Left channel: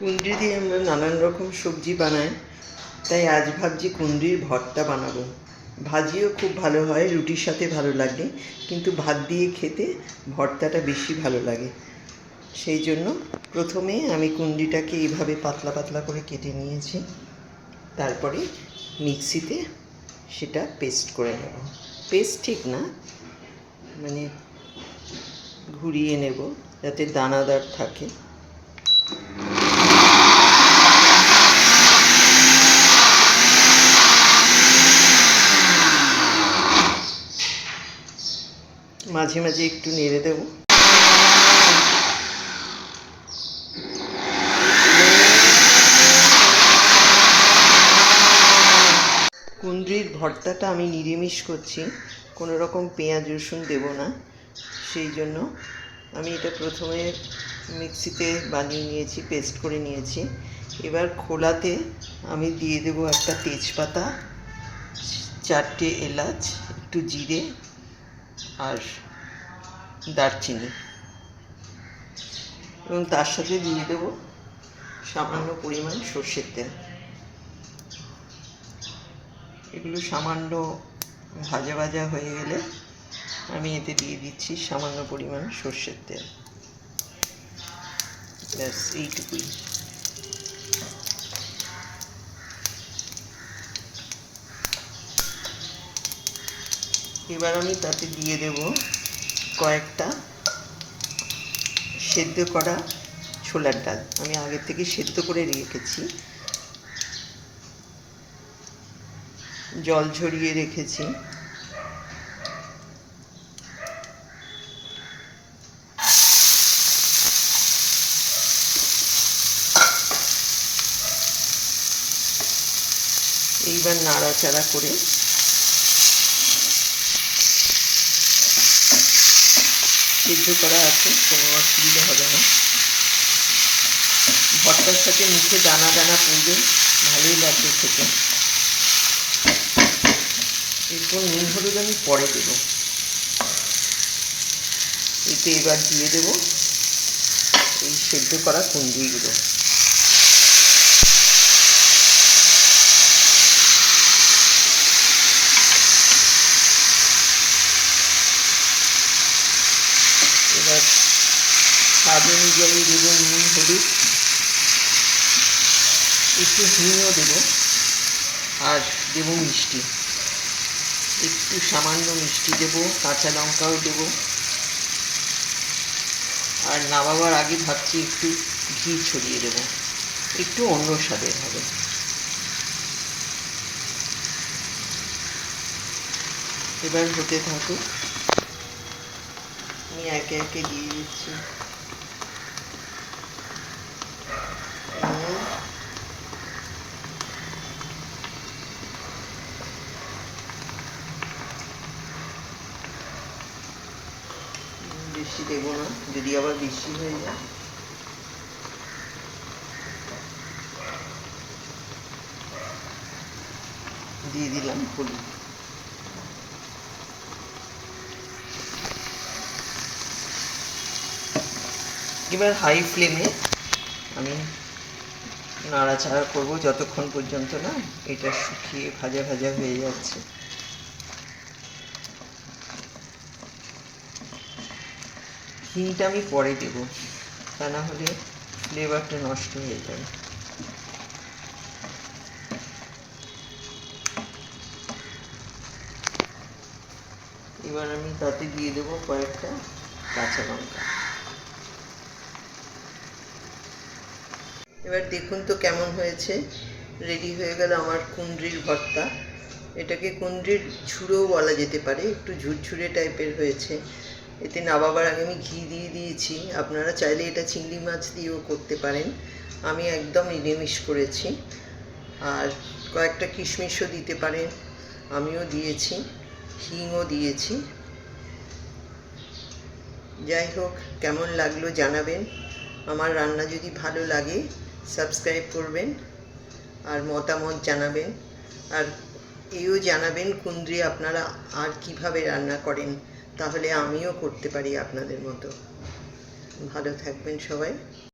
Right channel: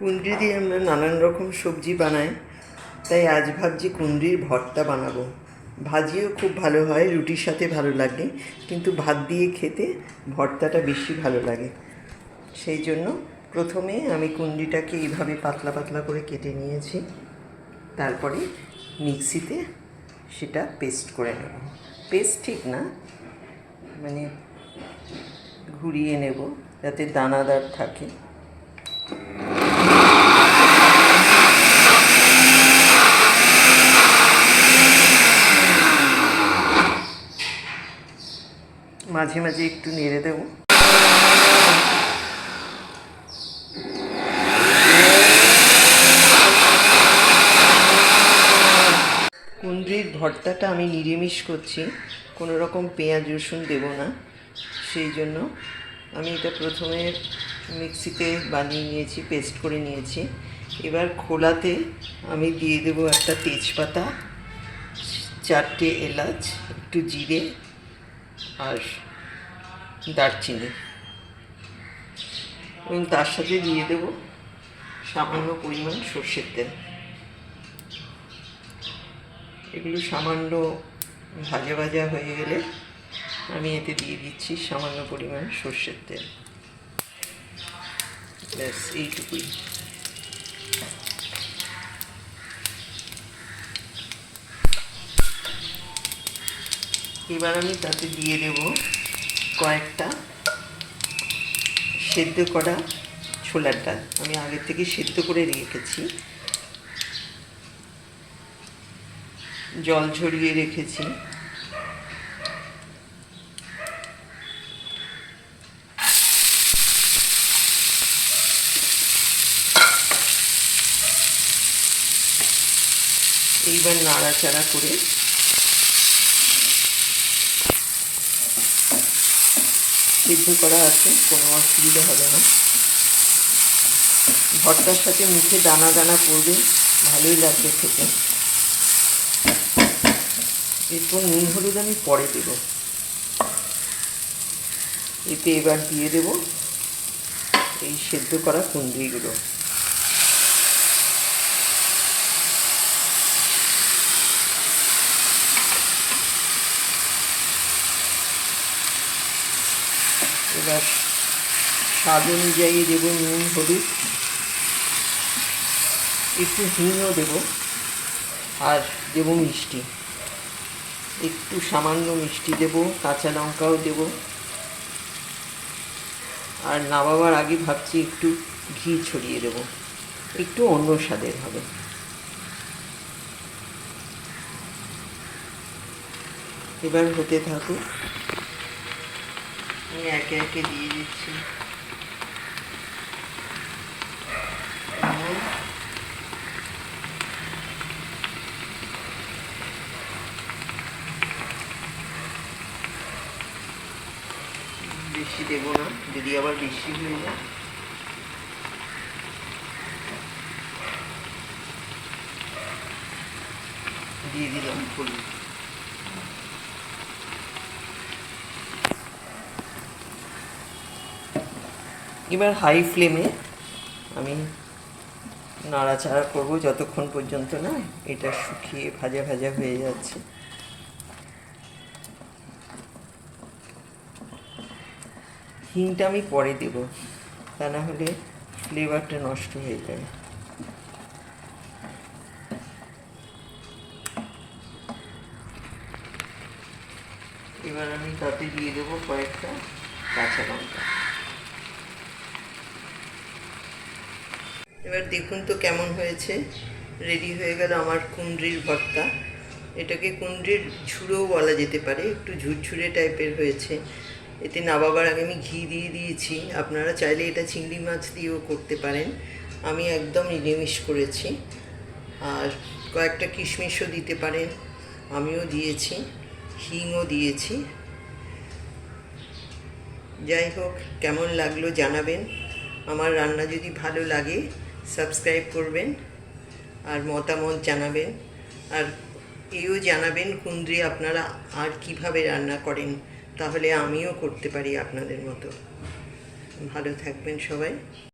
কুঁদরি দিয়ে আমরা নানান রকম সবজি বানাই, তাই আজ ভাবছি কুঁদরির ভর্তা বানাবো। ভাজিও খুব ভালো হয়, রুটির সাথে ভালো লাগে, কিন্তু ভাত দিয়ে খেতে ভর্তাটা বেশি ভালো লাগে। সেই জন্য প্রথমে আমি কুঁদরিটাকে এইভাবে পাতলা পাতলা করে কেটে নিয়েছি। তারপরে মিক্সিতে সেটা পেস্ট করে নেব। পেস্ট ঠিক না, মানে ঘুরিয়ে নেব যাতে দানাদার থাকে। মাঝে মাঝে একটু নেড়ে দেব। কুঁদরির ভর্তাটা আমি নিরামিষ করছি, কোনো রকম পেঁয়াজ রসুন দেব না। সেই জন্য আমি এটা প্রথমে মিক্সিতে বানিয়ে নিয়েছি, পেস্ট করে নিয়েছি। এবার খোলাতে আমি দিয়ে দেবো একটা তেজপাতা, 4টে এলাচ, একটু জিরে আর দারচিনি, এবং তার সাথে দিয়ে দেব সামান্য পরিমাণ সর্ষের তেল। এগুলো সামান্য ভাজা ভাজা হয়ে গেলে আমি এতে দিয়ে দিচ্ছি সামান্য পরিমাণ সর্ষের তেল। ব্যাস এইটুকুই। এবার আমি তাতে দিয়ে দেব কয়েকটা সেদ্ধ করা ছোলার ডাল। আমি আগে থেকে সেদ্ধ করে রেখেছি, জল ঝরিয়ে রেখেছি। এইবার নাড়াচাড়া করে সিদ্ধ করা আছে, কোনো অসুবিধা হবে না। ভর্তার সাথে মুখে দানা দানা পড়বে, ভালোই লাগবে খেতে। এরপর নুন হলুদ আমি পরে দেব। এতে এবার দিয়ে দেব এই সেদ্ধ করা কুঁদরিগুলো। এবার স্বাদ অনুযায়ী দেব নুন হলুদ, একটু হিংও দেব, আর দেব মিষ্টি, একটু সামান্য মিষ্টি দেব, কাঁচা লঙ্কাও দেব। আর নামাবার আগে ভাবছি একটু ঘি ছড়িয়ে দেব, একটু অন্য স্বাদের হবে। এবার হতে থাকুক, আমি একে একে দিয়ে দিচ্ছি বেশি দেব না, যদি আবার বেশি হয়ে যায়। দিয়ে দিলাম হলুদ। এবার হাই ফ্লেমে আমি নাড়াচাড়া করবো যতক্ষণ পর্যন্ত না এটা শুকিয়ে ভাজা ভাজা হয়ে যাচ্ছে। হিংটা আমি পরে দেব, তা না হলে ফ্লেভারটা নষ্ট হয়ে যাবে। এবার আমি তাতে দিয়ে দেবো কয়েকটা কাঁচা লঙ্কা। এবার দেখুন তো কেমন হয়েছে। রেডি হয়ে গেল আমার কুঁদরির ভর্তা। এটাকে কুঁদরির ঝুড়োও বলা যেতে পারে, একটু ঝুরঝুরে টাইপের হয়েছে। এতে নামাবার আগে আমি ঘি দিয়ে দিয়েছি। আপনারা চাইলে এটা চিংড়ি মাছ দিয়েও করতে পারেন, আমি একদম নিরামিষ করেছি। আর কয়েকটা কিশমিশও দিতে পারেন, আমিও দিয়েছি, হিংও দিয়েছি। যাই হোক, কেমন লাগলো জানাবেন। আমার রান্না যদি ভালো লাগে সাবস্ক্রাইব করবেন আর মতামত জানাবেন। আর এও জানাবেন কুঁদরি আপনারা আর কিভাবে রান্না করেন, তাহলে আমিও করতে পারি আপনাদের মতো। ভালো থাকবেন সবাই।